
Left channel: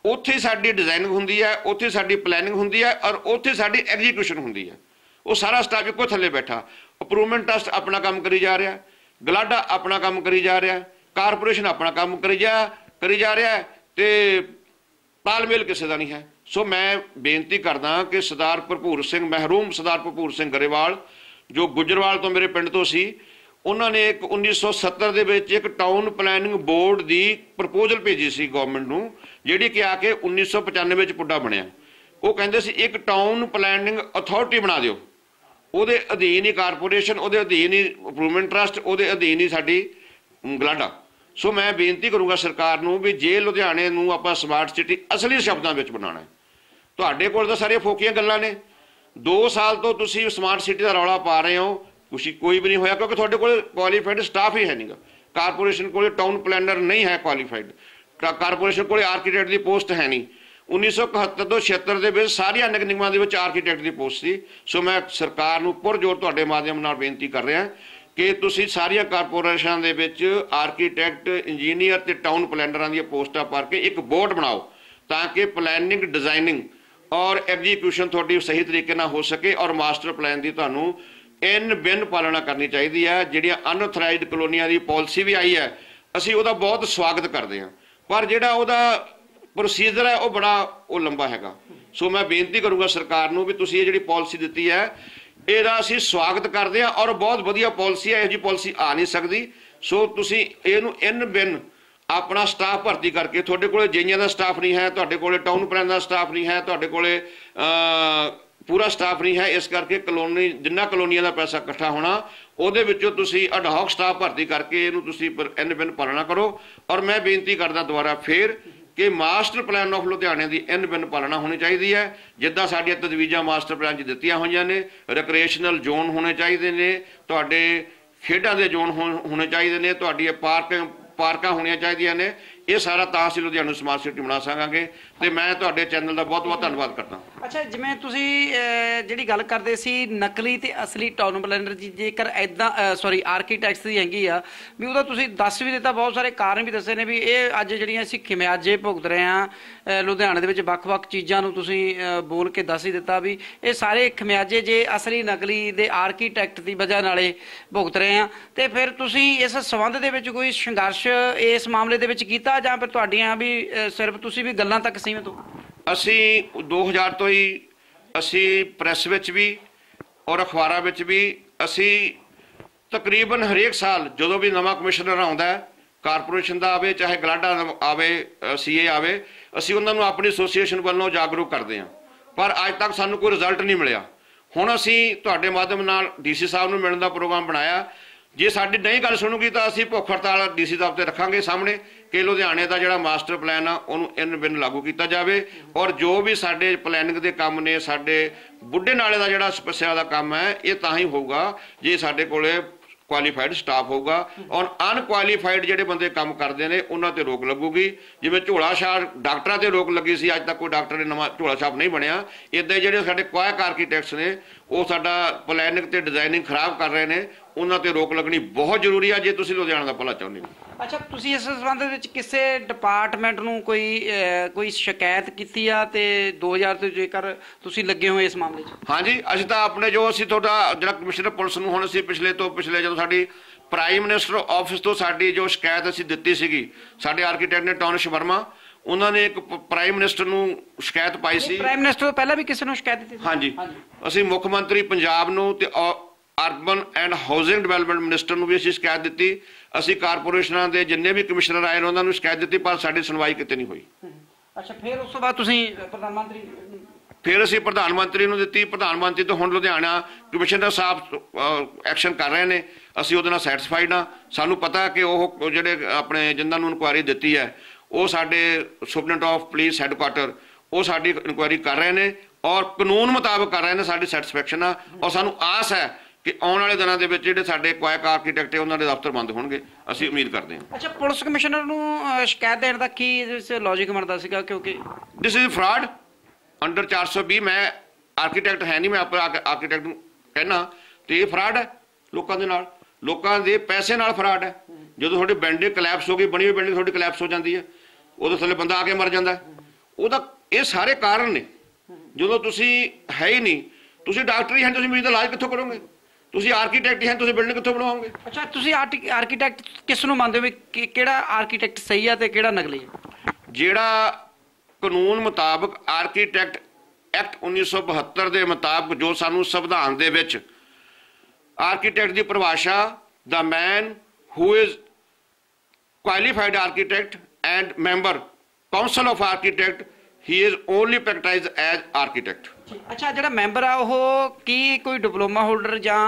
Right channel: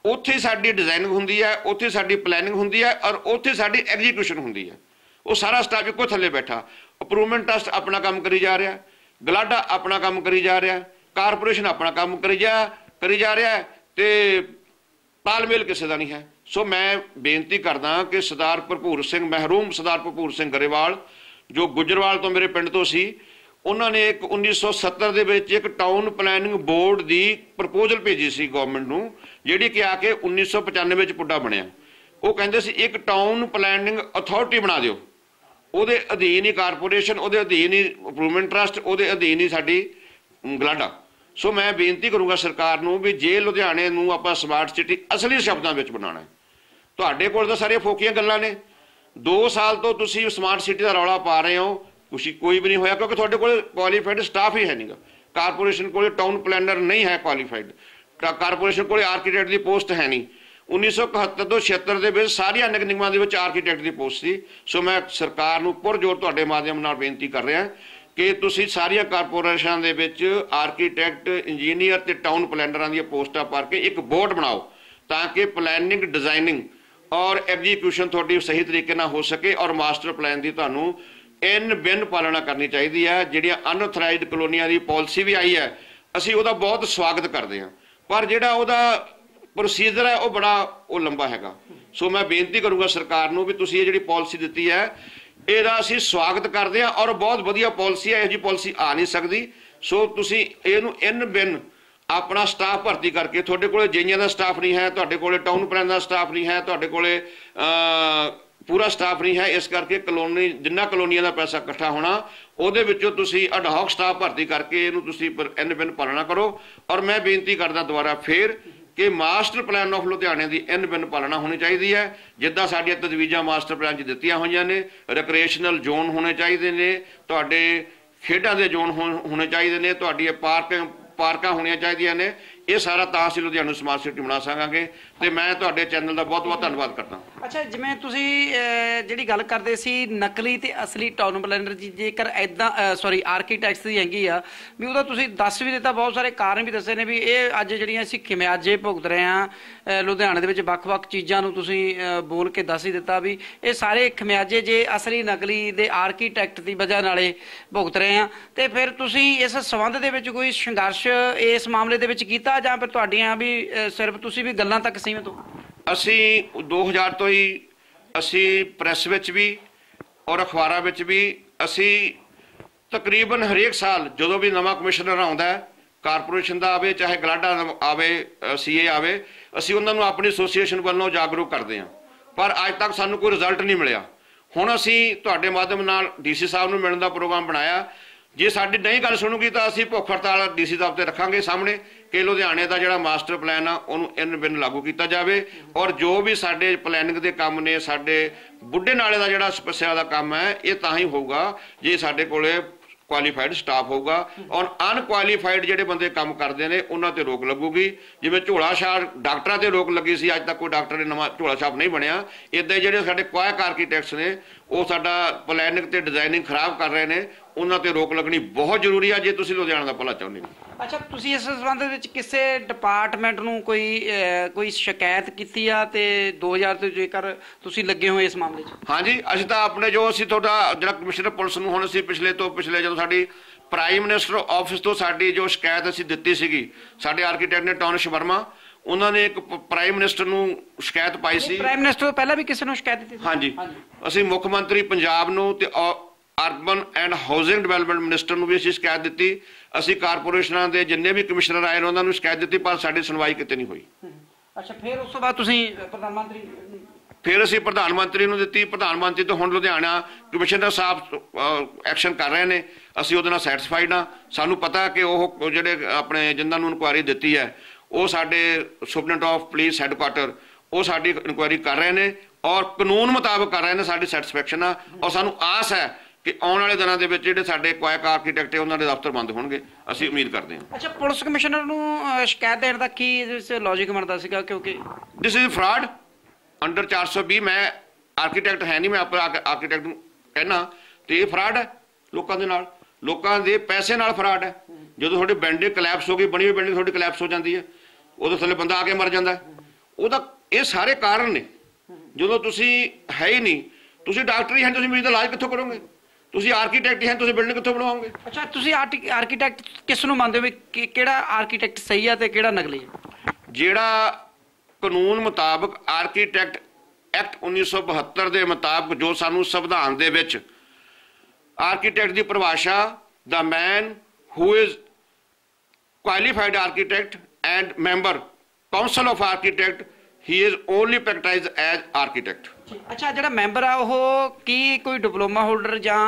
ਉੱਥੇ ਸਾਡੀ ਡਿਜ਼ਾਈਨਿੰਗ ਹੁੰਦੀ ਹੈ, ਉੱਥੇ ਸਾਡੀ ਪਲੈਨਿੰਗ ਹੁੰਦੀ ਹੈ ਔਰ ਉੱਥੇ ਸਾਡੀ ਐਗਜ਼ੀਕਿਊਸ਼ਨ ਹੁੰਦੀ ਹੈ। ਉਹ ਸਾਰਾ ਸਟਾਫ ਇੱਕੋ ਥੱਲੇ ਬੈਠਾ। ਅਪਰੂਵਮੈਂਟ ਟੈਸਟ ਆਪਣਾ ਕੰਮ ਕਰੀ ਜਾ ਰਿਹਾ, ਗਲਾਡਾ ਆਪਣਾ ਕੰਮ ਕਰੀ ਜਾ ਰਿਹਾ। ਕਾਰਪੋਰੇਸ਼ਨ ਆਪਣਾ ਕੰਮ ਕਰੀ ਜਾ ਕਰੀ ਜਾ ਰਿਹਾ ਤੇ ਤਾਲਮੇਲ ਕਿਸੇ ਦਾ ਨਹੀਂ ਹੈ। ਸੋ ਮੈਂ ਬੇਨਤੀ ਕਰਦਾ ਕਿ ਸਰਦਾਰ ਭਰਪੂਰ ਸਿੰਘ, ਮਹਿਰੂਮ ਸਰਦਾਰ ਭਰਪੂਰ ਸਿੰਘ ਗਰੇਵਾਲ, ਜੋ ਗੁਜਰਵਾਲ ਤੋਂ ਮੇਰੇ ਪਿੰਡ ਤੋਂ ਸੀ, ਉਹਨਾਂ ਨੇ ਇੱਕ 1970 ਦੇ ਵਿੱਚ ਇੱਕ ਟਾਊਨ ਪਲੈਨਿੰਗ ਬੋਰਡ ਦੀ ਪ੍ਰਪੋਜ਼ਲ ਭੇਜੀ ਸੀ ਗਵਰਨਮੈਂਟ ਨੂੰ, ਜਿਹੜੀ ਕਿ ਆ ਕੇ 1995 ਵਿੱਚ ਪੁੱਡਾ ਬਣਿਆ। ਉਹ ਕਹਿੰਦੇ ਸੀ, ਇੱਕ ਟਾਊਨ ਪਲੈਨਿੰਗ ਅਥਾਰਟੀ ਬਣਾ ਦਿਓ। ਉਹਦੇ ਅਧੀਨ ਹੀ ਕਾਰਪੋਰੇਸ਼ਨ, ਉਹਦੇ ਅਧੀਨ ਹੀ ਇੰਪਰੂਵਮੈਂਟ ਟਰਸਟ ਉਹਦੇ ਅਧੀਨ ਹੀ ਸਾਡੀ ਗਲਾਡਾ। ਸੋ ਮੈਂ ਬੇਨਤੀ ਕਰੂੰਗਾ ਸਰਕਾਰ ਨੂੰ ਵੀ ਜੇ ਲੁਧਿਆਣੇ ਨੂੰ ਆਪਾਂ ਸਮਾਰਟ ਸਿਟੀ ਅਸਲੀ ਸ਼ਬਦਾਂ ਵਿੱਚ ਬਣਾਉਣਾ ਹੈ, ਤੁਹਾਡੇ ਕੋਲ ਤਾਂ ਸਾਰੀਆਂ ਫੋਕੀਆਂ ਗੱਲਾਂ ਨੇ। 2 ਸਾਲ ਤੋਂ ਤੁਸੀਂ ਸਮਾਰਟ ਸਿਟੀ ਦਾ ਰੌਲਾ ਪਾ ਰਹੇ ਹੋ, ਕੁਛ ਕੋਈ ਵੀ ਨਹੀਂ ਹੋਇਆ, ਕਿਉਂਕਿ ਤੁਹਾਡੇ ਕੋਲ ਕੁਆਲੀਫਾਈਡ ਸਟਾਫ ਹੀ ਹੈ ਨਹੀਂਗਾ ਕਾਰਪੋਰੇਸ਼ਨ ਕੋਲੇ ਟਾਊਨ ਪਲੈਨਰ ਨਹੀਂ ਹੈ ਕੁਆਲੀਫਾਈਡ ਕਾਰਪੋਰੇਸ਼ਨ ਕੋਲੇ ਆਰਕੀਟੈਕਟ ਦੀ ਪੋਸਟ ਹੈ ਨਹੀਂ। 1971 ਤੋਂ 76 ਦੇ ਵਿੱਚ ਸਾਰੀਆਂ ਨਿਗਮਾਂ ਦੇ ਵਿੱਚ ਆਰਕੀਟੈਕਟ ਦੀ ਪੋਸਟ ਸੀ। ਸੋ ਮੈਂ ਸਰਕਾਰ ਨੂੰ ਪੁਰਜੋਰ ਤੁਹਾਡੇ ਮਾਧਿਅਮ ਨਾਲ ਬੇਨਤੀ ਕਰ ਰਿਹਾ ਕਿ ਤੁਸੀਂ ਸਾਰੀਆਂ ਕਾਰਪੋਰੇਸ਼ਨਾਂ ਦੇ ਵਿੱਚ ਆਰਕੀਟੈਕਟ, ਇੰਜੀਨੀਅਰ ਤੇ ਟਾਊਨ ਪਲੈਨਰਾਂ ਦੀਆਂ ਪੋਸਟਾਂ ਭਰ ਕੇ ਇੱਕ ਬੋਰਡ ਬਣਾਓ ਤਾਂ ਕਿ ਪਲੈਨਿੰਗ, ਡਿਜ਼ਾਈਨਿੰਗ ਔਰ ਐਗਜ਼ੀਕਿਊਸ਼ਨ ਤੁਹਾਡੀ ਸਹੀ ਤਰੀਕੇ ਨਾਲ ਹੋ ਸਕੇ ਔਰ ਮਾਸਟਰ ਪਲਾਨ ਦੀ ਤੁਹਾਨੂੰ ਇਨ ਬਿਨ ਪਾਲਣਾ ਕਰਨੀ ਚਾਹੀਦੀ ਹੈ। ਜਿਹੜੀਆਂ ਅਨਥਰਾਈਜ਼ਡ ਕਲੋਨੀਆਂ ਦੀ ਪਾਲਿਸੀ ਵੀ ਆਈ ਹੈ, ਅਸੀਂ ਉਹਦਾ ਬਹੁਤ ਸਵਾਗਤ ਕਰਦੇ ਹਾਂ। ਪਰ ਜਿਹੜਾ ਉਹਦਾ ਪ੍ਰੋਸੀਜਰ ਹੈ, ਉਹ ਬੜਾ ਉਹ ਲੰਬਾ ਹੈਗਾ। ਸੋ ਮੈਂ ਬੇਨਤੀ ਕਰੂੰਗਾ ਸਰਕਾਰ ਨੂੰ ਵੀ ਤੁਸੀਂ ਇਹ ਜਿਹੜੀ ਪਾਲਿਸੀ ਦਿੱਤੀ ਹੈ ਇਹਦਾ ਅਸੀਂ ਸਵਾਗਤ ਕਰਦੇ ਹਾਂ ਔਰ ਬਹੁਤ ਵਧੀਆ ਪਾਲਿਸੀ ਹੈ, ਇਹੋ ਜੀ ਪਾਲਿਸੀ ਆ ਨਹੀਂ ਸਕਦੀ। ਸੋ ਤੁਸੀਂ ਇਹਨੂੰ ਇਨ ਬਿਨ ਆਪਣਾ ਸਟਾਫ ਭਰਤੀ ਕਰਕੇ, ਤੁਹਾਡੇ ਕੋਲੇ ਜਈਆਂ ਦਾ ਸਟਾਫ ਨਹੀਂ ਹੈ, ਤੁਹਾਡੇ ਕੋਲੇ ਟਾਊਨ ਪਲਾਨ ਦਾ ਸਟਾਫ ਨਹੀਂ ਹੈ, ਤੁਹਾਡੇ ਕੋਲੇ ਪੂਰਾ ਸਟਾਫ ਨਹੀਂ ਹੈ, ਇਸ ਕਰਕੇ ਕਲੋਨੀ, ਜਿੰਨਾ ਕਲੋਨੀਆਂ ਦਾ ਪੈਸਾ ਇਕੱਠਾ ਹੋਣਾ, ਉਹਦੇ ਵਿੱਚੋਂ ਤੁਸੀਂ ਅਡਹੌਕ ਸਟਾਫ ਭਰਤੀ ਕਰਕੇ ਇਹਨੂੰ ਤੁਸੀਂ ਇਨ ਬਿਨ ਪਾਲਣਾ ਕਰੋ। ਔਰ ਮੈਂ ਬੇਨਤੀ ਕਰਦਾ ਦੁਬਾਰਾ ਫੇਰ ਕਿ ਮਾਸਟਰ ਪਲਾਨ ਆਫ ਲੁਧਿਆਣੇ ਦੀ ਇਨ ਬਿਨ ਪਾਲਣਾ ਹੋਣੀ ਚਾਹੀਦੀ ਹੈ, ਜਿੱਦਾਂ ਸਾਡੀਆਂ ਤਜਵੀਜ਼ਾਂ ਮਾਸਟਰ ਪਲਾਨ 'ਚ ਦਿੱਤੀਆਂ ਹੋਈਆਂ ਨੇ ਰੈਕ੍ਰੀਏਸ਼ਨਲ ਜ਼ੋਨ ਹੋਣੇ ਚਾਹੀਦੇ ਨੇ, ਤੁਹਾਡੇ ਖੇਡਾਂ ਦੇ ਜ਼ੋਨ ਹੋਣੇ ਚਾਹੀਦੇ ਨੇ ਤੁਹਾਡੀ ਪਾਰਕ ਪਾਰਕਾਂ ਹੋਣੀਆਂ ਚਾਹੀਦੀਆਂ ਨੇ ਇਹ ਸਾਰਾ ਤਾਂ ਅਸੀਂ ਲੁਧਿਆਣਾ ਸਮਾਰਟ ਸਿਟੀ ਬਣਾ ਸਕਾਂਗੇ ਤੇ ਮੈਂ ਤੁਹਾਡੇ ਚੈਨਲ ਦਾ ਬਹੁਤ ਬਹੁਤ ਧੰਨਵਾਦ ਕਰਦਾ। ਅੱਛਾ, ਜਿਵੇਂ ਤੁਸੀਂ ਜਿਹੜੀ ਗੱਲ ਕਰਦੇ ਸੀ ਨਕਲੀ ਤੇ ਅਸਲੀ ਟਾਊਨ ਪਲੈਨਰ ਜੇਕਰ ਐਦਾਂ ਸੌਰੀ ਆਰਕੀਟੈਕਟਸ ਦੀ ਹੈਗੀ ਆ, ਵੀ ਉਹਦਾ ਤੁਸੀਂ ਦੱਸ ਵੀ ਦਿੱਤਾ, ਬਹੁਤ ਸਾਰੇ ਕਾਰਨ ਵੀ ਦੱਸੇ ਨੇ ਵੀ ਇਹ ਅੱਜ ਜਿਹੜੀਆਂ ਅਸੀਂ ਖਿਮਿਆਜੇ ਭੁਗਤ ਰਹੇ ਆ ਲੁਧਿਆਣੇ ਦੇ ਵਿੱਚ ਵੱਖ-ਵੱਖ ਚੀਜ਼ਾਂ ਨੂੰ ਤੁਸੀਂ ਬੋਲ ਕੇ ਦੱਸ ਹੀ ਦਿੱਤਾ ਵੀ ਇਹ ਸਾਰੇ ਖਿਮਿਆਜੇ ਜੇ ਅਸਲੀ ਨਕਲੀ ਦੇ ਆਰਕੀਟੈਕਟ ਦੀ ਵਜ੍ਹਾ ਨਾਲੇ ਭੁਗਤ ਰਹੇ ਆ। ਤੇ ਫਿਰ ਤੁਸੀਂ ਇਸ ਸਬੰਧ ਦੇ ਵਿੱਚ ਕੋਈ ਸੰਘਰਸ਼ ਇਸ ਮਾਮਲੇ ਦੇ ਵਿੱਚ ਕੀਤਾ ਜਾਂ ਫਿਰ ਤੁਹਾਡੀਆਂ ਵੀ ਸਿਰਫ ਤੁਸੀਂ ਵੀ ਗੱਲਾਂ ਤੱਕ ਸੀਮਿਤ ਹੋ? ਅਸੀਂ 2000 ਤੋਂ ਹੀ ਅਸੀਂ ਪ੍ਰੈਸ ਵਿੱਚ ਵੀ ਔਰ ਅਖਬਾਰਾਂ ਵਿੱਚ ਵੀ ਅਸੀਂ ਤਕਰੀਬਨ ਹਰੇਕ ਸਾਲ ਜਦੋਂ ਵੀ ਨਵਾਂ ਕਮਿਸ਼ਨਰ ਆਉਂਦਾ ਕਾਰਪੋਰੇਸ਼ਨ ਦਾ ਆਵੇ, ਚਾਹੇ ਗਲਾਡਾ ਆਵੇ ਸੀਏ ਆਵੇ ਅਸੀਂ ਉਹਨਾਂ ਨੂੰ ਆਪਣੀ ਐਸੋਸੀਏਸ਼ਨ ਵੱਲੋਂ ਜਾਗਰੂਕ ਕਰਦੇ ਹਾਂ। ਪਰ ਅੱਜ ਤੱਕ ਸਾਨੂੰ ਕੋਈ ਰਿਜ਼ਲਟ ਨਹੀਂ ਮਿਲਿਆ। ਹੁਣ ਅਸੀਂ ਤੁਹਾਡੇ ਮਾਧਿਅਮ ਨਾਲ ਡੀਸੀ ਸਾਹਿਬ ਨੂੰ ਮਿਲਣ ਦਾ ਪ੍ਰੋਗਰਾਮ ਬਣਾਇਆ। ਜੇ ਸਾਡੀ ਨਹੀਂ ਗੱਲ ਸੁਣੂਗੀ ਤਾਂ ਅਸੀਂ ਭੁੱਖ ਹੜਤਾਲ ਡੀਸੀ ਸਾਹਿਬ ਤੇ ਰੱਖਾਂਗੇ ਸਾਹਮਣੇ। ਕਿ ਲੁਧਿਆਣੇ ਦਾ ਜਿਹੜਾ ਮਾਸਟਰ ਪਲਾਨ ਆ, ਉਹਨੂੰ ਇਨ ਬਿਨ ਲਾਗੂ ਕੀਤਾ ਜਾਵੇ। ਔਰ ਜੋ ਵੀ ਸਾਡੇ ਪਲੈਨਿੰਗ ਦੇ ਕੰਮ ਨੇ, ਸਾਡੇ ਬੁੱਢੇ ਨਾਲੇ ਦਾ ਜਿਹੜਾ ਸਮੱਸਿਆ ਦਾ ਕੰਮ ਹੈ, ਇਹ ਤਾਂ ਹੀ ਹੋਊਗਾ ਜੇ ਸਾਡੇ ਕੋਲੇ ਕੁਆਲੀਫਾਈਡ ਸਟਾਫ ਹੋਊਗਾ ਔਰ ਅਨਕੁਆਲੀਫਾਈਡ ਜਿਹੜੇ ਬੰਦੇ ਕੰਮ ਕਰਦੇ ਨੇ, ਉਹਨਾਂ ਤੇ ਰੋਕ ਲੱਗੂਗੀ। ਜਿਵੇਂ ਝੋਲਾ ਛਾਪ ਡਾਕਟਰਾਂ ਤੇ ਰੋਕ ਲੱਗੀ ਸੀ, ਅੱਜ ਤੱਕ ਕੋਈ ਡਾਕਟਰ ਨੇ ਨਵਾਂ ਝੋਲਾ ਛਾਪ ਨਹੀਂ ਬਣਿਆ। ਇਦਾਂ ਜਿਹੜੇ ਸਾਡੇ ਕੁਆਇਆ ਕਾਰਕੀ ਟੈਕਸ ਨੇ ਉਹ ਸਾਡਾ ਪਲੈਨਿੰਗ ਤੇ ਡਿਜ਼ਾਈਨਿੰਗ ਖਰਾਬ ਕਰ ਰਹੇ ਨੇ ਉਹਨਾਂ ਤੇ ਰੋਕ ਲੱਗਣੀ ਬਹੁਤ ਜ਼ਰੂਰੀ ਆ ਜੇ ਤੁਸੀਂ ਲੁਧਿਆਣਾ ਦਾ ਭਲਾ ਚਾਹੁੰਦੇ ਹੋ। ਅੱਛਾ ਤੁਸੀਂ ਇਸ ਸੰਬੰਧ ਵਿੱਚ ਕਿਸੇ ਡਿਪਾਰਟਮੈਂਟ ਨੂੰ ਕੋਈ ਕੋਈ ਸ਼ਿਕਾਇਤ ਕੀਤੀ ਆ ਤੇ 2000 ਤੋਂ ਜੇਕਰ ਤੁਸੀਂ ਲੱਗੇ ਹੋਏ ਇਸ ਮਾਮਲੇ 'ਚ? ਹਾਂਜੀ ਅਸੀਂ ਤਾਂ ਆਪਣੇ ਜੋ ਅਸੀਂ ਤੁਹਾਡਾ ਜਿਹੜਾ ਕਮਿਸ਼ਨਰ ਪੁਲਿਸ ਨੂੰ ਹੁਣ ਅਸੀਂ ਪਿਛਲੇ ਤੋਂ ਪਿਛਲੇ ਜਦੋਂ ਸਾਡੀ ਪ੍ਰਾਈਮ ਮਿਨਿਸਟਰ ਆਫਿਸ ਤੋਂ ਸਾਡੀ ਜੋ ਸ਼ਿਕਾਇਤ ਅਸੀਂ ਦਿੱਤੀ ਸੀਗੀ ਸਾਡੇ ਆਰਕੀਟੈਕਟ ਨੇ ਟੌਨਿਸ਼ ਵਰਮਾ ਉਹਨਾਂ ਨੇ ਇੱਕ ਪ੍ਰਾਈਮ ਮਿਨਿਸਟਰ ਨੂੰ ਸ਼ਿਕਾਇਤ ਪਾਈ ਸੀ। ਪ੍ਰਾਈਮ ਮਿਨਿਸਟਰ ਤੋਂ ਪਹਿਲਾਂ ਵੀ ਕਿਸੇ ਨੂੰ ਸ਼ਿਕਾਇਤ ਦਿੱਤੀ ਸੀ? ਹਾਂਜੀ। ਅਸੀਂ ਮੁੱਖ ਮੰਤਰੀ ਪੰਜਾਬ ਨੂੰ ਤੇ urban and housing development minister ਨੂੰ ਵੀ ਅਸੀਂ ਸ਼ਿਕਾਇਤ ਦਿੱਤੀ। ਅਸੀਂ ਕਾਰਪੋਰੇਸ਼ਨਾਂ ਦੇ ਜਿੰਨੇ ਵੀ ਕਮਿਸ਼ਨਰ ਆਏ ਨੇ ਉਹਨਾਂ ਨੂੰ ਸ਼ਿਕਾਇਤ ਦਿੱਤੀ ਪਰ ਸਾਡੀ ਸੁਣਵਾਈ ਕਿਤੇ ਨਹੀਂ ਹੋਈ। ਅੱਛਾ ਫਿਰ ਉਸ ਤੋਂ ਬਾਅਦ ਤੁਸੀਂ ਪ੍ਰਧਾਨ ਮੰਤਰੀ ਫਿਰ ਅਸੀਂ ਪ੍ਰਧਾਨ ਮੰਤਰੀ ਨੂੰ ਦਿੱਤੀ। ਪ੍ਰਧਾਨ ਮੰਤਰੀ ਤੋਂ ਹੁਣ ਲੁਧਿਆਣਾ ਕਮਿਸ਼ਨਰ ਸਾਹਿਬ ਐਕਸ਼ਨ ਕਰ ਰਹੇ ਨੇ। ਅਸੀਂ ਉਹਦੇ ਨਾਲ ਸੈਟੀਸਫਾਈਡ ਆ ਸਾਨੂੰ ਪਤਾ ਕਿ ਉਹ ਜਿਹੜੇ ਆਪਣੇ ਜਿੰਨਾਂ ਨੂੰ ਇਨਕੁਆਇਰੀ ਦਿੱਤੀ ਹੈ ਉਹ ਸਾਡੇ ਸੁਪਰਡੈਂਟ ਆਫ ਪੁਲਿਸ ਹੈੱਡਕੁਆਟਰ ਉਹ ਸਾਡੀ ਇਨਕੁਆਇਰੀ ਕਰ ਰਹੇ ਨੇ। ਔਰ ਕਾਨੂੰਨ ਮੁਤਾਬਕ ਕਰ ਰਹੇ ਨੇ ਸਾਡੀ ਸੈਟੀਸਫੈਕਸ਼ਨ ਆ। ਔਰ ਸਾਨੂੰ ਆਸ ਹੈ ਕਿ ਆਉਣ ਵਾਲੇ ਦਿਨਾਂ ਦੇ ਵਿੱਚ ਜਿਹੜੇ ਸਾਡੇ ਕੁਆਇਕ ਆਰਕੀਟੈਕਟ ਹੈ ਉਹਨਾਂ ਦੇ ਦਫ਼ਤਰ ਬੰਦ ਹੋਣਗੇ। ਅਸੀਂ ਉਮੀਦ ਕਰਦੇ ਹਾਂ। ਅੱਛਾ ਪੁਲਿਸ ਕਮਿਸ਼ਨਰ ਨੂੰ ਸ਼ਿਕਾਇਤ ਦੇਣ ਦਾ ਕੀ ਇਹਦੇ ਵਿੱਚ ਲੌਜੀਕ ਬਣਦਾ ਸੀਗਾ? ਕਿਉਂਕਿ ਦਿਸ ਇਜ਼ ਫਰਾਡ ਅੰਡਰ 420 ਮੈਂ ਆਰਕੀਟੈਕਟ ਹੈ ਨਹੀਂ ਮੈਂ ਆਪਣਾ ਆਰਕੀਟੈਕਟ ਨੂੰ ਕਹਿਣਾ। ਤੇ ਇਹ ਫਰਾਡ ਹੈ ਲੋਕਾਂ ਦੇ ਨਾਲ। ਲੋਕਾਂ ਦੇ ਪੈਸੇ ਨਾਲ ਫਰਾਡ ਹੈ। ਜਦੋਂ ਤੁਹਾਡੀ ਬਿਲਡਿੰਗ ਕਲੈਪਸ ਹੋ ਗਈ ਬਣੀ ਹੋਈ ਬਿਲਡਿੰਗ ਤੁਹਾਡੀ ਕਲੈਪਸ ਹੋ ਜਾਂਦੀ ਹੈ। ਉਦੋਂ ਥੱਲੇ ਬੰਦਾ ਆ ਕੇ ਮਰ ਜਾਂਦਾ ਉਹਦਾ ਇਹ ਸਾਰੇ ਕਾਰਨ ਨੇ। ਜਦੋਂ ਤੁਸੀਂ ਹੈ ਹੀ ਨਹੀਂ ਤੁਸੀਂ ਡਾਕਟਰ ਹੀ ਹਨ ਤੁਸੀਂ ਮਰੀਜ਼ ਦਾ ਇਲਾਜ ਕਿੱਥੋਂ ਕਰੋਗੇ? ਤੁਸੀਂ ਆਰਕੀਟੈਕਟ ਹੀ ਹਨ ਤੁਸੀਂ ਬਿਲਡਿੰਗ ਕਿੱਥੋਂ ਬਣਵਾਓਗੇ ਅੱਛਾ ਤੁਸੀਂ ਆਰਕੀਟੈਕਟ ਕਿਸ ਨੂੰ ਮੰਨਦੇ ਹੋ ਕਿ- ਕਿਹੜਾ ਆਰਕੀਟੈਕਟ ਸਹੀ ਆ ਤੇ ਕਿਹੜਾ ਨਕਲੀ ਹੈ ਜਿਹੜਾ ਕਾਨੂੰਨ ਮੁਤਾਬਕ ਆਰਕੀਟੈਕਟ ਐਕਟ 1972 ਦੇ ਮੁਤਾਬਕ ਜੋ ਸਾਨੂੰ ਸੰਵਿਧਾਨ ਦੇ ਵਿੱਚ ਆਰਕੀਟੈਕਟ ਦੀ ਪਰਿਭਾਸ਼ਾ ਦਾ man who is qualified architect and member council of architect he is only practiced as architect. ਅੱਛਾ ਜਿਹੜਾ ਮੈਂਬਰ ਆ ਉਹ ਕੀ ਕੋਈ ਡਿਪਲੋਮਾ ਹੋਲਡਰ ਜਾਂ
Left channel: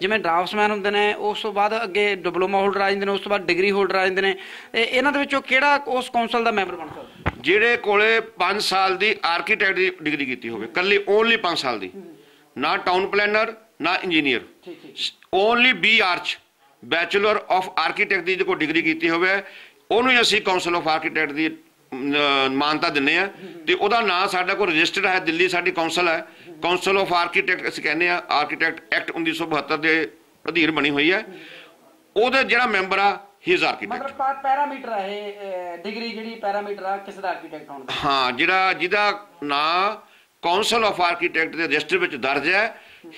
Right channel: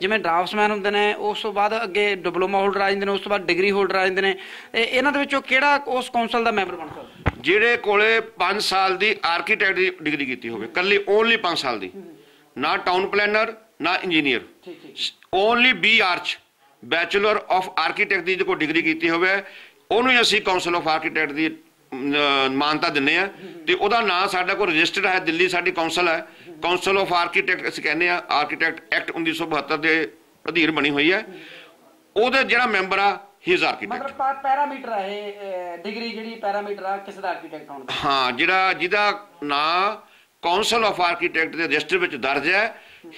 ਜਿਵੇਂ ਡਰਾਫਟਸਮੈਨ ਹੁੰਦੇ ਨੇ ਉਸ ਤੋਂ ਬਾਅਦ ਅੱਗੇ ਡਿਪਲੋਮਾ ਹੋਲਡਰ ਆ ਜਾਂਦੇ ਨੇ ਉਸ ਤੋਂ ਬਾਅਦ ਡਿਗਰੀ ਹੋਲਡਰ ਆ ਜਾਂਦੇ ਨੇ ਇਹ- ਇਹਨਾਂ ਦੇ ਵਿੱਚੋਂ ਕਿਹੜਾ ਉਸ ਕੌਂਸਲ ਦਾ ਮੈਂਬਰ ਬਣ ਸਕਦਾ? ਜਿਹੜੇ ਕੋਲੇ 5 ਸਾਲ ਦੀ ਆਰਕੀਟੈਕਟ ਦੀ ਡਿਗਰੀ ਕੀਤੀ ਹੋਵੇ ਕੱਲੀ ਓਨਲੀ 5 ਸਾਲ ਦੀ। ਨਾ ਟਾਊਨ ਪਲੈਨਰ ਨਾ engineer only B arch bachelor of architect ਦੀ ਜੋ ਡਿਗਰੀ ਕੀਤੀ ਹੋਵੇ ਉਹਨੂੰ ਹੀ ਅਸੀਂ ਕਾਉਂਸਲ ਆਫ ਆਰਕੀਟੈਕਟ ਦੀ ਮਾਨਤਾ ਦਿੰਨੇ ਆ। ਤੇ ਉਹਦਾ ਨਾਂ ਸਾਡਾ ਕੋਲ ਰਜਿਸਟਰਡ ਹੈ ਦਿੱਲੀ ਸਾਡੀ ਕਾਉਂਸਲ ਹੈ। ਕਾਉਂਸਲ ਆਫ ਆਰਕੀਟੈਕਟ ਅਸੀਂ ਕਹਿੰਦੇ ਆ ਆਰਕੀਟੈਕਟ ਐਕਟ 1972 ਦੇ ਅਧੀਨ ਬਣੀ ਹੋਈ ਹੈ। ਉਹਦੇ ਜਿਹੜਾ ਮੈਂਬਰ ਆ ਹੀ ਇਜ਼ ਆਰਕੀਟੈਕਟ ਮਤਲਬ ਪੈਰਾਮੀਟਰ ਆ ਇਹ ਡਿਗਰੀ ਜਿਹੜੀ ਪੈਰਾਮੀਟਰ ਆ ਕਿਸੇ ਦਾ ਆਰਕੀਟੈਕਟ ਹੋਣ ਦਾ ਹਾਂ ਜਿਹੜਾ ਜਿਹਦਾ ਨਾਂ ਕਾਉਂਸਲ ਆਫ ਆਰਕੀਟੈਕਟ ਦੇ ਰਜਿਸਟਰ ਵਿੱਚ ਦਰਜ ਹੈ।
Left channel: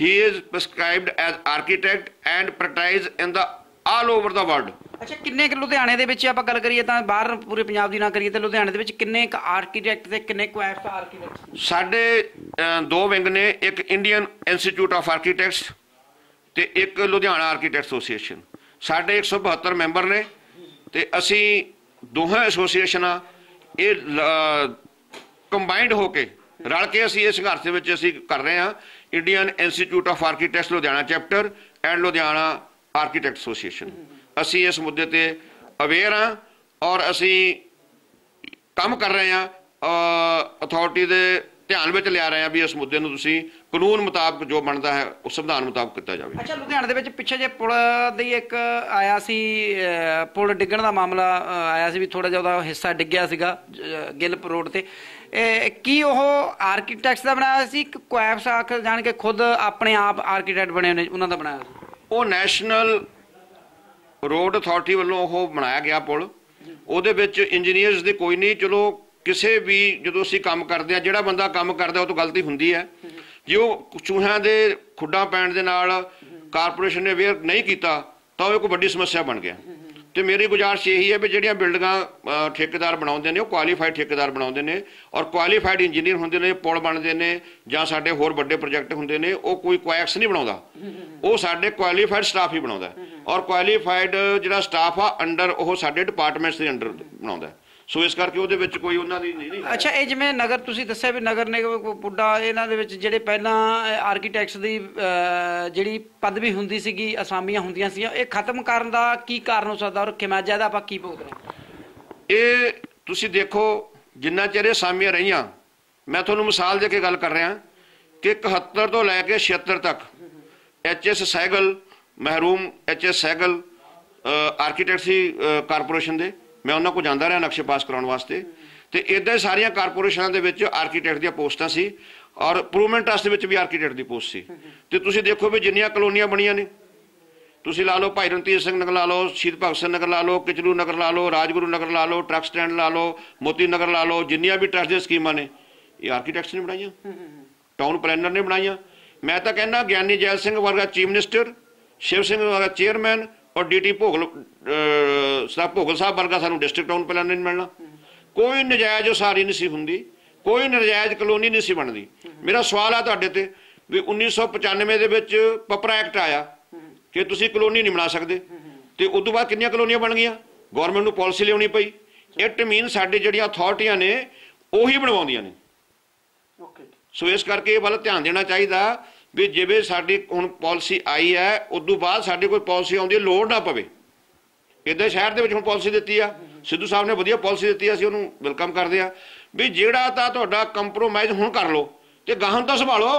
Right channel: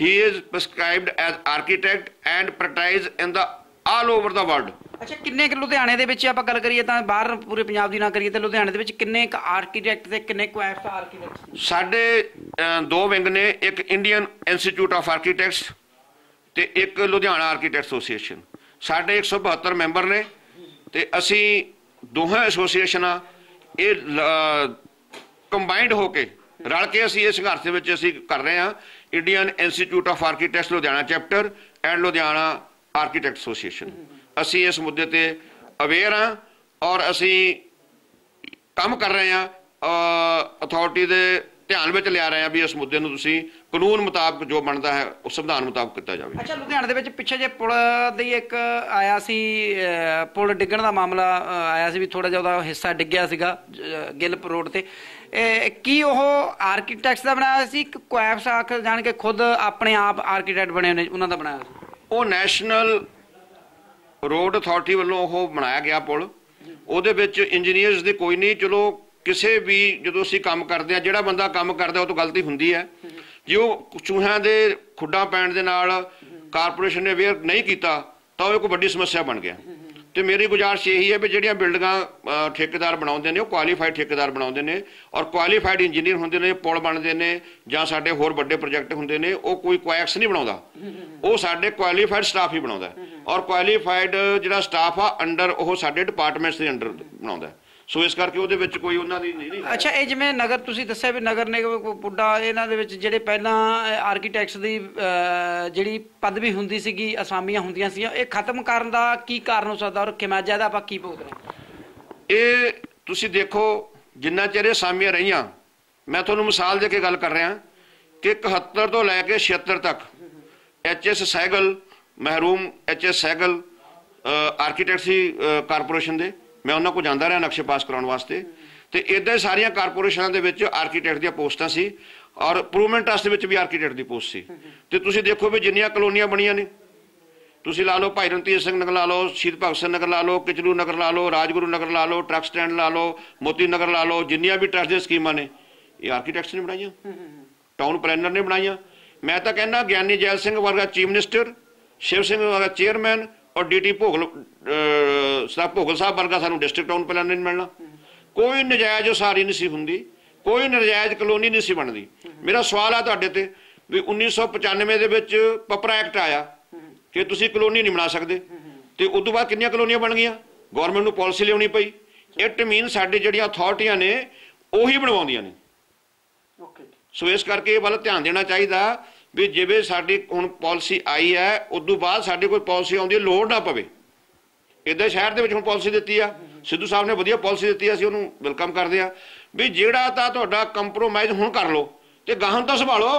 He is prescribed as architect and practise in the all over the world ਅੱਛਾ, ਕਿੰਨੇ ਕੁ ਲੁਧਿਆਣੇ ਦੇ ਵਿੱਚ ਆਪਾਂ ਗੱਲ ਕਰੀਏ ਤਾਂ ਬਾਹਰ ਪੂਰੇ ਪੰਜਾਬ ਦੀ ਨਾ ਕਰੀਏ ਤਾਂ ਲੁਧਿਆਣੇ ਦੇ ਵਿੱਚ ਕਿੰਨੇ ਕੁ ਆਰਕੀਟੈਕਟ ਤੇ ਕਿੰਨੇ ਕੁ ਐਫ ਆਰਕੀਟੈਕਟ ਸਾਡੇ ਦੋ ਵਿੰਗ ਨੇ, ਇੱਕ ਇੰਡੀਅਨ ਇੰਸਟੀਚਿਊਟ ਆਫ ਆਰਕੀਟੈਕਟਸ ਤੇ ਇੱਕ ਲੁਧਿਆਣਾ ਆਰਕੀਟੈਕਟ ਐਸੋਸੀਏਸ਼ਨ ਸਾਡੇ 172 ਮੈਂਬਰ ਨੇ ਤੇ ਅਸੀਂ ਦੋਹਾਂ ਐਸੋਸੀਏਸ਼ਨਾਂ ਇਹ ਕੰਬਾਈਨਡ ਹੋ ਕੇ ਰਲ ਕੇ ਅਸੀਂ ਇਸ ਸੰਘਰਸ਼ ਦੇ ਵਿੱਚ ਅਸੀਂ ਕਰ ਰਹੇ ਹਾਂ Indian institute of architects Ludhiana chapter and Ludhiana architect association ਅਸੀਂ ਇਸ ਮੁੱਦੇ ਤੇ ਅਵੇਅਰ ਹਾਂ ਔਰ ਅਸੀਂ ਕੰਮ ਕਰ ਰਹੇ ਆ ਅਥਾਰਟੀ ਦੇ ਧਿਆਨ ਵਿੱਚ ਲਿਆ ਰਹੇ ਆ ਵੀ ਇਸ ਮੁੱਦੇ ਨੂੰ ਤੁਸੀਂ ਕਾਨੂੰਨ ਮੁਤਾਬਕ ਜੋ ਬਣਦਾ ਹੈ ਉਸ ਸੰਵਿਧਾਨ ਮੁਤਾਬਕ ਕੀਤਾ ਜਾਵੇ। ਅੱਛਾ ਲੁਧਿਆਣੇ ਦੇ ਵਿੱਚ ਪਿੱਛੇ ਜੇ ਪੁਲ ਦੀ ਇੱਕ ਆਇਆ ਸੀ ਪੁਲ ਡਿੱਗਣ ਦਾ ਮਾਮਲਾ ਆਇਆ ਸੀ ਵੀ ਥੋੜਾ ਜਿਹਾ ਉਹਦਾ ਹਿੱਸਾ ਡਿੱਗਿਆ ਸੀਗਾ ਗਿੱਲ ਰੋਡ ਤੇ। ਇਹ ਕੀ ਉਹ ਆਰਕੀਟੈਕਟਸ ਦਾ ਬਣਾਇਆ ਸੀ ਕਿ ਕੁਐਬਸ ਆਖ ਜਾਣ ਕੇ ਖੁਦ ਆਪਣੇ ਆਪ ਆਰਕੀਟੈਕਟ ਬਣੇ ਨੇ ਉਹਨਾਂ ਦਾ ਬਣਾਇਆ ਸੀ? ਉਹ ਨੈਸ਼ਨਲ ਰੋਡ ਅਥਾਰਟੀ ਵੱਲੋਂ ਉਹ ਬਣਾਇਆ ਗਿਆ ਪੁਲ। ਉਹਦੇ ਵਿੱਚ ਇੰਜੀਨੀਅਰਸ ਦੀ ਕੋਈ ਨਹੀਂ, ਚਲੋ ਕਿਸੇ ਵੀ ਜਦੋਂ ਅਸੀਂ ਕੰਮ ਕਰਦੇ ਆ ਜਿਹੜਾ ਬੰਦਾ ਕੰਮ ਕਰਦਾ, ਉਹ ਤੋਂ ਗਲਤੀ ਹੁੰਦੀ ਹੈ। ਜੇ ਉਹ ਚੂਹਿਆਂ ਦੇ ਖੁੱਡਾਂ ਪੈਣ ਦੇ ਨਾਲ ਕਾਰਪੋਰੇਸ਼ਨ ਨੇ ਅਵੇਅਰ ਨਹੀਂ ਕੀਤਾ, ਤਾਂ ਉਹ ਇੱਕ ਵੱਡੀ ਸਮੱਸਿਆ ਬਣ ਗਿਆ। ਤੇ ਮੇਰੀ ਗੁਜ਼ਾਰਿਸ਼ ਇਹੀ ਹੈ ਵੀ ਜਿਹੜੀਆਂ ਬਿਲਡਿੰਗਾਂ ਠੇਕੇਦਾਰ ਬਣਾਉਂਦੇ ਨੇ, ਉਹ ਕੁਆਲੀਫਾਈਡ ਠੇਕੇਦਾਰ ਬਣਾਉਂਦੇ ਨੇ ਔਰ ਕੁਆਲੀਫਾਈਡ ਇੰਜੀਨੀਅਰ ਹੁੰਦੇ ਨੇ, ਪੁਲ ਬਣਦੇ ਨੇ ਜਾਂ ਸਾਡੇ ਹੋਰ ਵੱਡੇ ਪ੍ਰੋਜੈਕਟ ਹੁੰਦੇ ਨੇ, ਉਹ ਕੋਈ ਕੁਐਕਸ ਨਹੀਂ ਬਣਾਉਂਦਾ। ਉਹ ਸਾਡੇ ਕੁਆਲੀਫਾਈਡ ਸਟਾਫ ਹੀ ਬਣਾਉਂਦਾ ਔਰ ਕੁਆਲੀਫਾਈਡ ਜਿਹੜਾ ਸਟਾਫ ਆ ਅੰਡਰ ਉਹ ਸਾਡੇ ਡਿਪਾਰਟਮੈਂਟਸ ਦੇ ਅੰਡਰ ਬਣਾਉਂਦਾ ਸੋ ਇਸ ਕਰਕੇ ਉਹਦੇ ਵਿੱਚ ਕੋਈ ਉਹਨਾਂ ਦੀ ਨਹੀਂ ਨਹੀਂ ਅੱਛਾ ਇਹ ਜਿਵੇਂ ਨਗਰ ਤੁਸੀਂ ਦੱਸਿਆ ਵੀ ਨਗਰ ਨਿਗਮ ਕੋ ਪੁੱਡਾ ਇਹਨਾਂ ਦੇ ਵਿੱਚ ਜਿਹੜੇ ਪਹਿਲਾਂ ਆਰਕੀਟੈਕਟਸ ਦੀ ਜਿਹੜੀ ਪਦਵੀ ਹੁੰਦੀ ਸੀਗੀ ਅਸਾਮੀਆਂ ਹੁੰਦੀਆਂ ਸੀ ਇਹ ਖਤਮ ਕਰਨ ਦਾ ਕੀ ਕਾਰਨ ਹੋ ਸਕਦਾ ਔਰ ਕਿਮਾਜਾ ਦਾ ਆਪਾਂ ਕੀ ਭੁਗਤਣਾ ਇਹ ਤੁਸੀਂ ਦੇਖੋ ਜਿੰਨਾ ਚਿਰ ਇਹ ਸਾਮੀਆਂ ਰਹੀਆਂ ਮੈਂ ਤੁਹਾਨੂੰ ਮਿਸਾਲ ਦੇ ਕੇ ਗੱਲ ਕਰ ਰਿਹਾ ਕਿ 71 ਤੋਂ ਲੈ ਕੇ 76 ਤੱਕ ਐਚਐਸ ਸੈਗਲ ਮਹਿਰੂਮ ਐਚਐਸ ਸੈਗਲ ਆਰਕੀਟੈਕਟ ਸੀ ਕਾਰਪੋਰੇਸ਼ਨ ਦੇ। ਮੈਂ ਉਹਨਾਂ ਕੋਲ ਜਾਂਦਾ ਰਿਹਾ ਨਕਸ਼ੇ ਪਾਸ ਕਰਾਉਣ ਵਾਸਤੇ। ਤੇ ਇਦਾਂ ਹੀ ਸਾਰੀਆਂ ਕਾਰਪੋਰੇਸ਼ਨਾਂ ਦੇ ਵਿੱਚ ਆਰਕੀਟੈਕਟ ਦੀਆਂ ਪੋਸਟਾਂ ਸੀ ਔਰ ਇੰਪਰੂਵਮੈਂਟ ਟਰਸਟ ਦੇ ਵਿੱਚ ਵੀ ਆਰਕੀਟੈਕਟ ਦੀ ਪੋਸਟ ਸੀ। ਤੇ ਤੁਸੀਂ ਦੇਖੋ ਵੀ ਜਿੰਨੀਆਂ ਕਲੋਨੀਆਂ ਬਣੀਆਂ ਨੇ। ਤੁਸੀਂ ਲਾ ਲਓ ਭਾਈ ਰਣਜੀਤ ਸਿੰਘ ਨਗਰ ਲਾ ਲਓ ਸ਼ਹੀਦ ਭਗਤ ਸਿੰਘ ਨਗਰ ਲਾ ਲਓ ਕਿਚਲੂ ਨਗਰ ਲਾ ਲਓ ਰਾਜਗੁਰੂ ਨਗਰ ਲਾ ਲਓ ਟਰੱਕ ਸਟੈਂਡ ਲਾ ਲਓ ਮੋਤੀ ਨਗਰ ਲਾ ਲਓ ਜਿੰਨੀਆਂ ਵੀ ਟਰਸਟ ਦੀਆਂ ਸਕੀਮਾਂ ਨੇ ਇਹ ਆਰਕੀਟੈਕਟਸ ਨੇ ਬਣਾਈਆਂ। ਟਾਊਨ ਪਲੈਨਰ ਨੇ ਬਣਾਈਆਂ। ਮੈਂ ਤਾਂ ਕਹਿੰਦਾ ਗਿਆਨੀ ਜੈਲ ਸਿੰਘ ਵਰਗਾ ਚੀਫ ਮਿਨਿਸਟਰ ਸ਼ਿਵ ਸਿੰਘ ਵਰਗਾ ਚੇਅਰਮੈਨ ਔਰ ਡੀਟੀ ਭੋਗਲ ਸਾਹਿਬ ਭੋਗਲ ਸਾਹਿਬ ਵਰਗਾ ਸਾਨੂੰ ਡਿਸਟ੍ਰਿਕਟ ਟਾਊਨ ਪਲੈਨਰ ਨਹੀਂ ਮਿਲਣਾ। ਕੋਈ ਨਜਾਇਜ਼ ਉਸਾਰੀ ਨਹੀਂ ਸੀ ਹੁੰਦੀ ਕੋਈ ਨਜਾਇਜ਼ ਕਲੋਨੀ ਨਹੀਂ ਸੀ ਬਣਦੀ। ਮੇਰਾ ਸਵਾਲ ਆ ਤੁਹਾਡੇ ਤੇ ਵੀ 1995 ਦੇ ਵਿੱਚ ਪਪਰਾ ਐਕਟ ਆਇਆ ਕਿ ਤੁਸੀਂ ਕਲੋਨੀ ਨਹੀਂ ਬਣਾ ਸਕਦੇ। ਤੇ ਉਸ ਤੋਂ ਬਾਅਦ ਕਿੰਨੀਆਂ ਕਲੋਨੀਆਂ ਬਣ ਗਈਆਂ? ਗਵਰਨਮੈਂਟ ਨੂੰ ਪਾਲਿਸੀ ਲਿਆਉਣੀ ਪਈ। ਇਟ ਮੀਨ ਸਾਡੀ ਜਿਹੜੀਆਂ ਅਥਾਰਟੀਆਂ ਨੇ ਉਹੀ ਬਣਵਾਉਂਦੀਆਂ ਨੇ। ਓਕੇ ਸੋ ਇਸ ਕਰਕੇ ਇਹ ਵੱਲ ਧਿਆਨ ਦੇਣਾ ਚਾਹੀਦਾ ਵੀ ਜਿਵੇਂ ਸਾਡੀ ਹੁਣ ਪਾਲਿਸੀ ਆਈ ਹੈ ਉਸ ਤੋਂ ਬਾਅਦ ਸਾਡੇ ਕੋਈ ਪਾਲਿਸੀ ਆਉਂਦੀ ਹੈ, ਲੋੜ ਨਾ ਪਵੇ। ਇਦਾਂ ਸ਼ਹਿਰ ਦੇ ਵਿੱਚ ਹੁਣ ਪਾਲਿਸੀ ਦਿੱਤੀ ਆ। ਸਿੱਧੂ ਸਾਹਿਬ ਨੇ ਵਧੀਆ ਪਾਲਿਸੀ ਦਿੱਤੀ ਆ ਅਸੀਂ ਉਹਨੂੰ ਵੈਲਕਮ ਕਰਦੇ ਆ। ਵੀ ਜਿਹੜਾ ਤਾਂ ਤੁਹਾਡਾ ਕੰਪਰੋਮਾਈਜ਼ ਹੁਣ ਕਰ ਲਓ ਤੇ ਗਾਹਾਂ ਤਾਂ ਸੰਭਾਲੋ।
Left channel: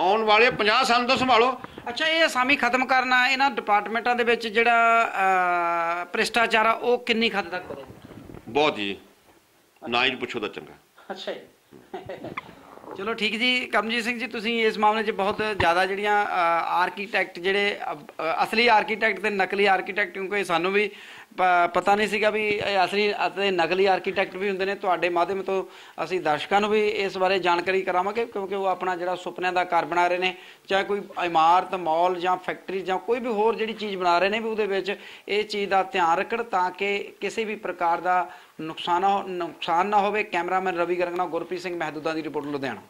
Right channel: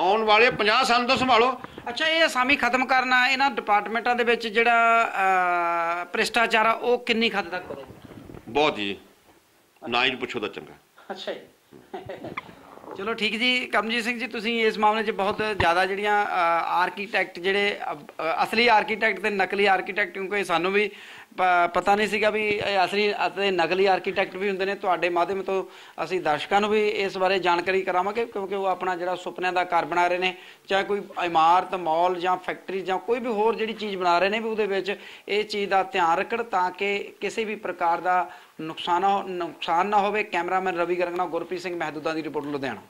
ਆਉਣ ਵਾਲੇ 50 ਸਾਲ ਤੋਂ ਸੰਭਾਲੋ। ਅੱਛਾ ਇਹ ਅਸਾਮੀ ਖਤਮ ਕਰਨਾ ਇਹਨਾਂ ਡਿਪਾਰਟਮੈਂਟਾਂ ਦੇ ਵਿੱਚ ਜਿਹੜਾ ਭ੍ਰਿਸ਼ਟਾਚਾਰ ਆ ਉਹ ਕਿੰਨੀ ਹੱਦ ਤੱਕ ਵਧੇ ਬਹੁਤ ਜੀ। ਨਾ ਹੀ ਪੁੱਛੋ ਤਾਂ ਚੰਗਾ। ਅੱਛਾ ਜੀ। ਚਲੋ ਠੀਕ ਜੀ, ਕਰਮਜੀਤ ਸਿੰਘ ਜੀ, ਤੁਸੀਂ ਇਸ ਮਾਮਲੇ 'ਚ ਬਹੁਤ ਜ਼ਿਆਦਾ ਜਿਹੜੀਆਂ ਆਰਕੀਟੈਕਟ ਜਿਹੜੇ ਅਸਲੀ ਆਰਕੀਟੈਕਟ ਤੇ ਨਕਲੀ ਆਰਕੀਟੈਕਟ ਕਿਉਂਕਿ ਸਾਨੂੰ ਵੀ ਪਤਾ ਨਹੀਂ ਸੀਗਾ ਵੀ ਇਹ ਅਸਲੀ ਅਤੇ ਨਕਲੀ ਆਰਕੀਟੈਕਟ ਵੀ ਹੁੰਦੇ ਨੇ। ਤੁਹਾਡੇ ਮਾਧਿਅਮ ਤੋਂ ਅਸੀਂ ਦਰਸ਼ਕਾਂ ਨੂੰ ਵੀ ਇਸ ਬਾਰੇ ਜਾਣਕਾਰੀ ਕਰਾਵਾਂਗੇ, ਕਿਉਂਕਿ ਉਹ ਆਪਣਾ ਜਿਹੜਾ ਸੁਪਨਿਆਂ ਦਾ ਘਰ ਬਣਾ ਰਹੇ ਨੇ, ਚਾਹੇ ਕੋਈ ਇਮਾਰਤ, ਮਾਲ ਜਾਂ ਫੈਕਟਰੀ ਜਾਂ ਕੋਈ ਵੀ ਹੋਰ ਜਿਹੜੀ ਚੀਜ਼ ਬਣਾ ਰਹੇ ਨੇ ਵੀ ਉਹਦੇ ਵਿੱਚ ਇਹ ਚੀਜ਼ ਦਾ ਧਿਆਨ ਰੱਖਣ ਤਾਂ ਕਿ ਕਿਸੇ ਵੀ ਪ੍ਰਕਾਰ ਦਾ ਨੁਕਸਾਨ ਹੋ- ਨੁਕਸਾਨ ਨਾ ਹੋਵੇ, ਕੈਮਰਾਮੈਨ ਰਵੀ ਗਰਗ ਨਾਲ ਗੁਰਪ੍ਰੀਤ ਸਿੰਘ ਮਹਿਦੂਦਾ ਦੀ ਰਿਪੋਰਟ ਲੁਧਿਆਣਾ।